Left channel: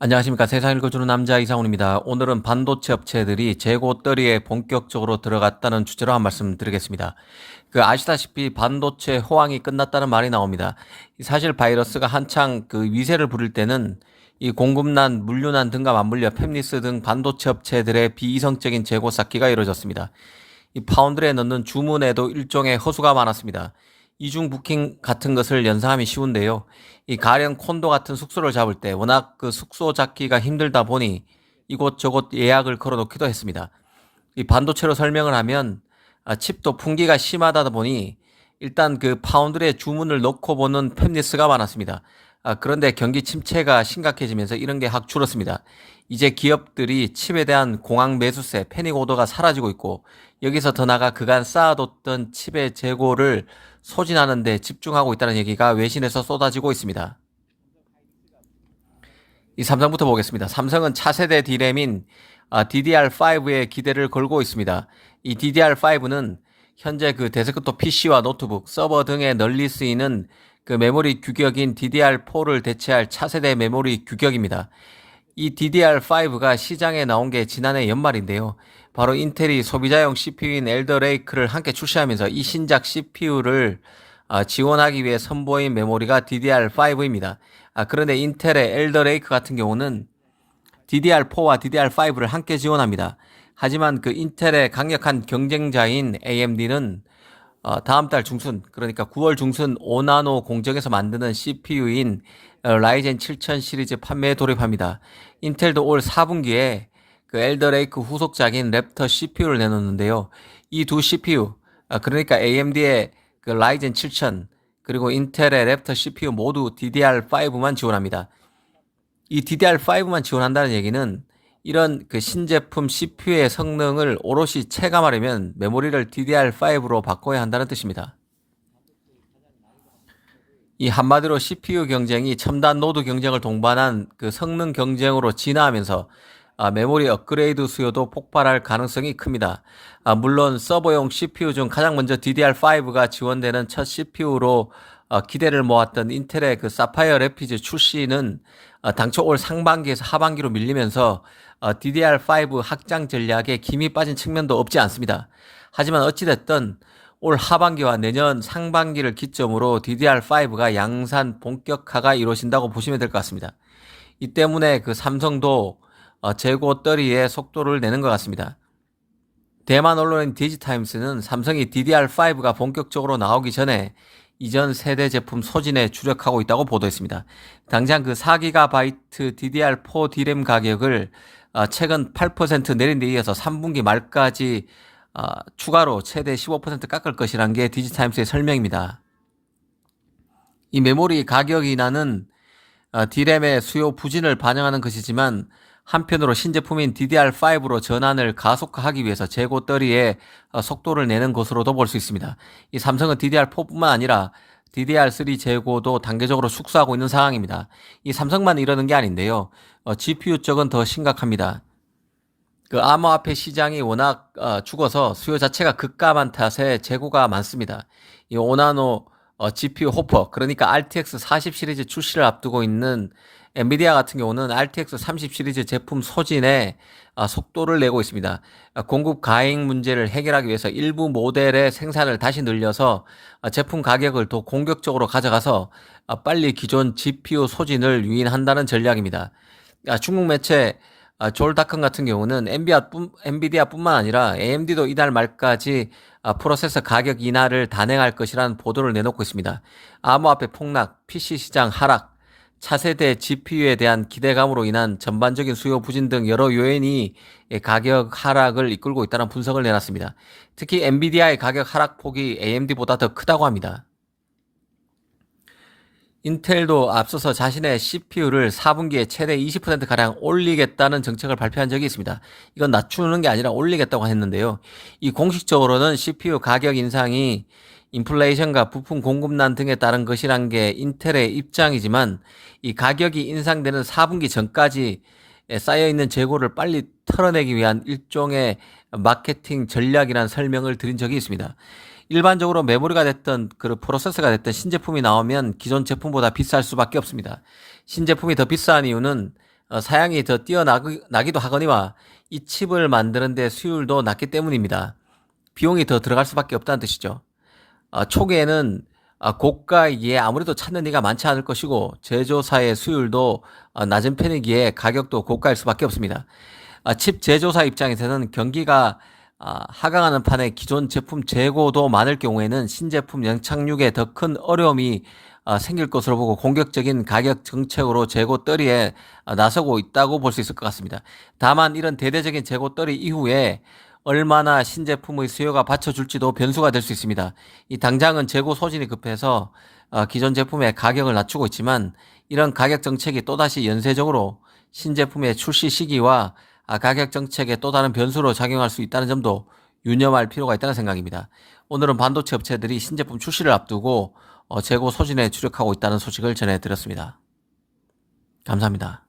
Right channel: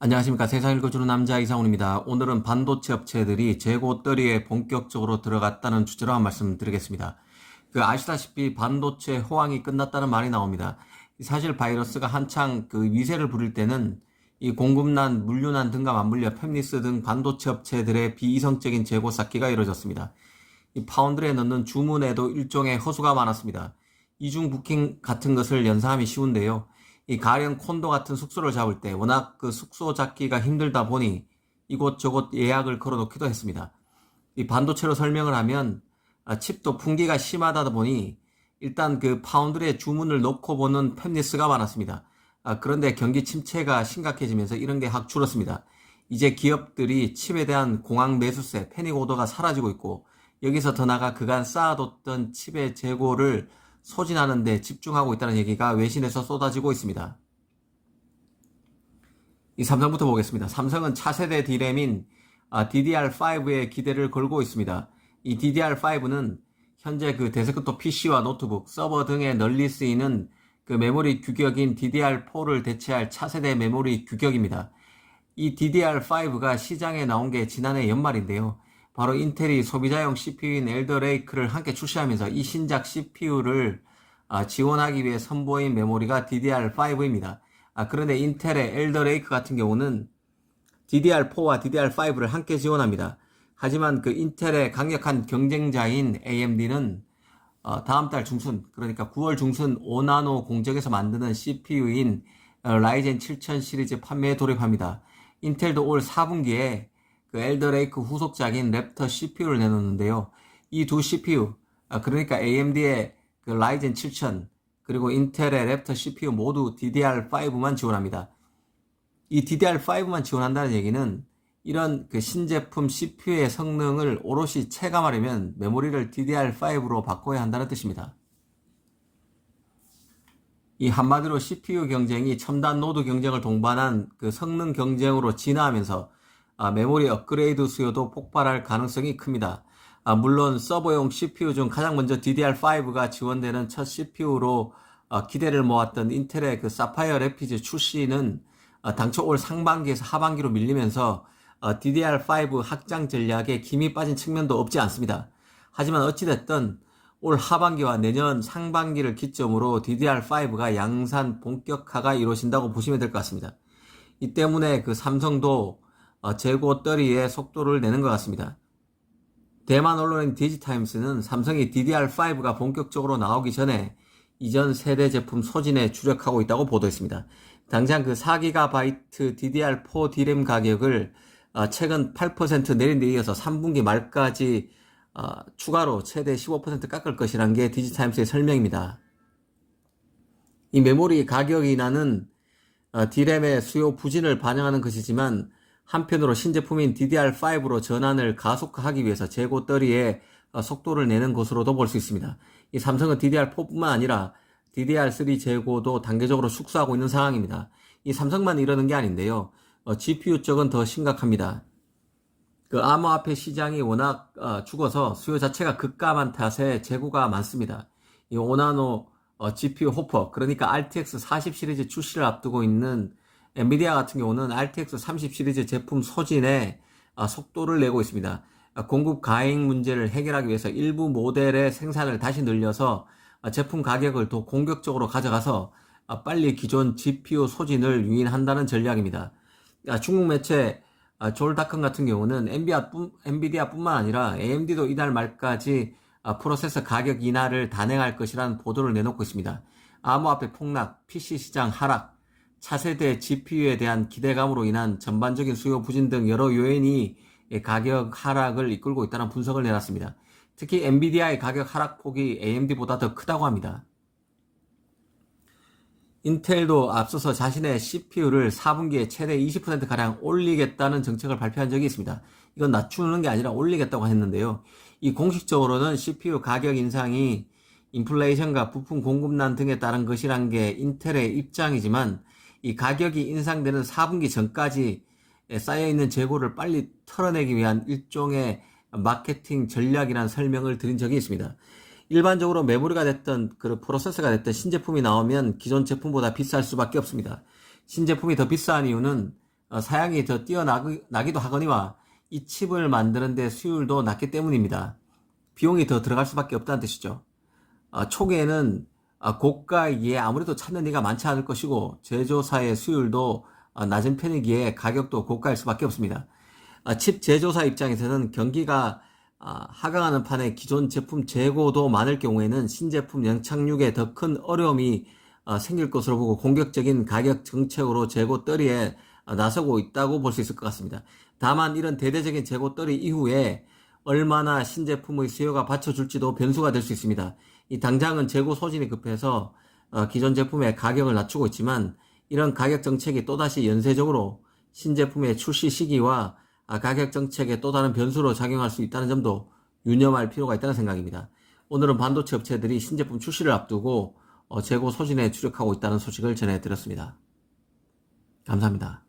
안녕하십니까. 세상 읽어주는 남자 이상훈입니다. 오늘은 반도체 업체들이 재고 떨이에 본격적으로 들어갔다는 주제로 한 말씀 드리겠습니다. 아시다시피 반도체 호황이 끝났다는 말이 나옵니다. 사실 바이러스가 한창 위세를 부릴 때는 이 공급난, 물류난 등과 맞물려 팹리스 등 반도체 업체들의 비이성적인 재고 쌓기가 이루어졌습니다. 이 파운드에 넣는 주문에도 일종의 허수가 많았습니다. 이중 부킹 같은 것을 연상하기 쉬운데요. 이 가령 콘도 같은 숙소를 잡을 때 워낙 숙소 잡기가 힘들다 보니 이곳저곳 예약을 걸어놓기도 했습니다. 이 반도체로 설명을 하면 칩도 풍기가 심하다 보니 일단 파운드에 주문을 넣고 보는 팹리스가 많았습니다. 그런데 경기 침체가 심각해지면서 이런 게 확 줄었습니다. 이제 기업들이 칩에 대한 공항 매수세, 패닉 오더가 사라지고 있고 여기서 더 나아가 그간 쌓아뒀던 칩의 재고를 소진하는 데 집중하고 있다는 얘기가 외신에서 쏟아지고 있습니다. 이 삼성부터 보겠습니다. 삼성은 차세대 D램인 DDR5에 기대를 걸고 있습니다. 이 DDR5는 현재 데스크톱 PC와 노트북, 서버 등에 널리 쓰이는 메모리 규격인 DDR4를 대체할 차세대 메모리 규격입니다. 이 DDR5가 시장에 나온 게 지난해 연말인데요. 바로 인텔이 소비자용 CPU인 엘더 레이크를 함께 출시하면서 이 신작 CPU를 지원하기 위해 선보인 메모리가 DDR5입니다. 그런데 인텔의 엘더 레이크 같은 경우는 DDR4와 DDR5를 함께 지원합니다. 하지만 인텔의 강력한 경쟁자인 AMD는 다음 달 중순, 그러니까 9월 중순 5나노 공정에서 만드는 CPU인 라이젠 7000 시리즈 판매에 돌입합니다. 인텔도 올 4분기에 엘더 레이크 후속작인 랩터 CPU를 내놓는데요. 이 두 CPU, 그러니까 AMD의 라이젠 7000 그리고 인텔의 랩터 CPU 모두 DDR5만 지원합니다. 이 DDR5만 지원한다는 얘기는 이런 신제품 CPU의 성능을 오롯이 체감하려면 메모리를 DDR5로 바꿔야 한다는 뜻입니다. 이 한마디로 CPU 경쟁이 첨단 노드 경쟁을 동반한 성능 경쟁으로 진화하면서 메모리 업그레이드 수요도 폭발할 가능성이 큽니다. 물론 서버용 CPU 중 가장 먼저 DDR5가 지원되는 첫 CPU로 기대를 모았던 인텔의 사파이어 래피드 출시는 당초 올 상반기에서 하반기로 밀리면서 DDR5 확장 전략에 김이 빠진 측면도 없지 않습니다. 하지만 어찌됐든 올 하반기와 내년 상반기를 기점으로 DDR5가 양산 본격화가 이루어진다고 보시면 될 것 같습니다. 이 때문에 삼성도 재고 떨이에 속도를 내는 것 같습니다. 대만 언론인 디지타임스는 삼성이 DDR5가 본격적으로 나오기 전에 이전 세대 제품 소진에 주력하고 있다고 보도했습니다. 당장 4GB DDR4 D램 가격을 최근 8% 내린 데 이어서 3분기 말까지 추가로 최대 15% 깎을 것이란 게 디지타임스의 설명입니다. 이 메모리 가격 인하는 D램의 수요 부진을 반영하는 것이지만 한편으로 신제품인 DDR5로 전환을 가속화하기 위해서 재고 떨이에 속도를 내는 것으로도 볼 수 있습니다. 이 삼성은 DDR4뿐만 아니라 DDR3 재고도 단계적으로 축소하고 있는 상황입니다. 이 삼성만 이러는 게 아닌데요. GPU 쪽은 더 심각합니다. 암호화폐 시장이 워낙 죽어서 수요 자체가 급감한 탓에 재고가 많습니다. 이 5나노 GPU 호퍼, 그러니까 RTX 40 시리즈 출시를 앞두고 있는 엔비디아 같은 경우는 RTX 30 시리즈 제품 소진에 속도를 내고 있습니다. 공급 과잉 문제를 해결하기 위해서 일부 모델의 생산을 다시 늘려서 제품 가격을 더 공격적으로 가져가서 빨리 기존 GPU 소진을 유인한다는 전략입니다. 중국 매체 졸다컴 같은 경우는 엔비디아뿐만 아니라 AMD도 이달 말까지 프로세서 가격 인하를 단행할 것이라는 보도를 내놓고 있습니다. 암호화폐 폭락, PC 시장 하락, 차세대 GPU에 대한 기대감으로 인한 전반적인 수요 부진 등 여러 요인이 가격 하락을 이끌고 있다는 분석을 내놨습니다. 특히 엔비디아의 가격 하락폭이 AMD보다 더 크다고 합니다. 인텔도 앞서서 자신의 CPU를 4분기에 최대 20%가량 올리겠다는 정책을 발표한 적이 있습니다. 이건 낮추는 게 아니라 올리겠다고 했는데요. 이 공식적으로는 CPU 가격 인상이 인플레이션과 부품 공급난 등에 따른 것이란 게 인텔의 입장이지만 이 가격이 인상되는 4분기 전까지 쌓여있는 재고를 빨리 털어내기 위한 일종의 마케팅 전략이라는 설명을 드린 적이 있습니다. 일반적으로 메모리가 됐던 프로세서가 됐던 신제품이 나오면 기존 제품보다 비쌀 수밖에 없습니다. 신제품이 더 비싼 이유는 사양이 더 뛰어나기도 하거니와 이 칩을 만드는 데 수율도 낮기 때문입니다. 비용이 더 들어갈 수밖에 없다는 뜻이죠. 초기에는 고가이기에 아무래도 찾는 이가 많지 않을 것이고 제조사의 수율도 낮은 편이기에 가격도 고가일 수밖에 없습니다. 칩 제조사 입장에서는 경기가 하강하는 판에 기존 제품 재고도 많을 경우에는 신제품 연착륙에 더 큰 어려움이 생길 것으로 보고 공격적인 가격 정책으로 재고 떨이에 나서고 있다고 볼 수 있을 것 같습니다. 다만 이런 대대적인 재고 떨이 이후에 얼마나 신제품의 수요가 받쳐줄지도 변수가 될 수 있습니다. 이 당장은 재고 소진이 급해서 기존 제품의 가격을 낮추고 있지만 이런 가격 정책이 또다시 연쇄적으로 신제품의 출시 시기와 가격 정책에 또 다른 변수로 작용할 수 있다는 점도 유념할 필요가 있다는 생각입니다. 오늘은 반도체 업체들이 신제품 출시를 앞두고 재고 소진에 주력하고 있다는 소식을 전해드렸습니다. 감사합니다.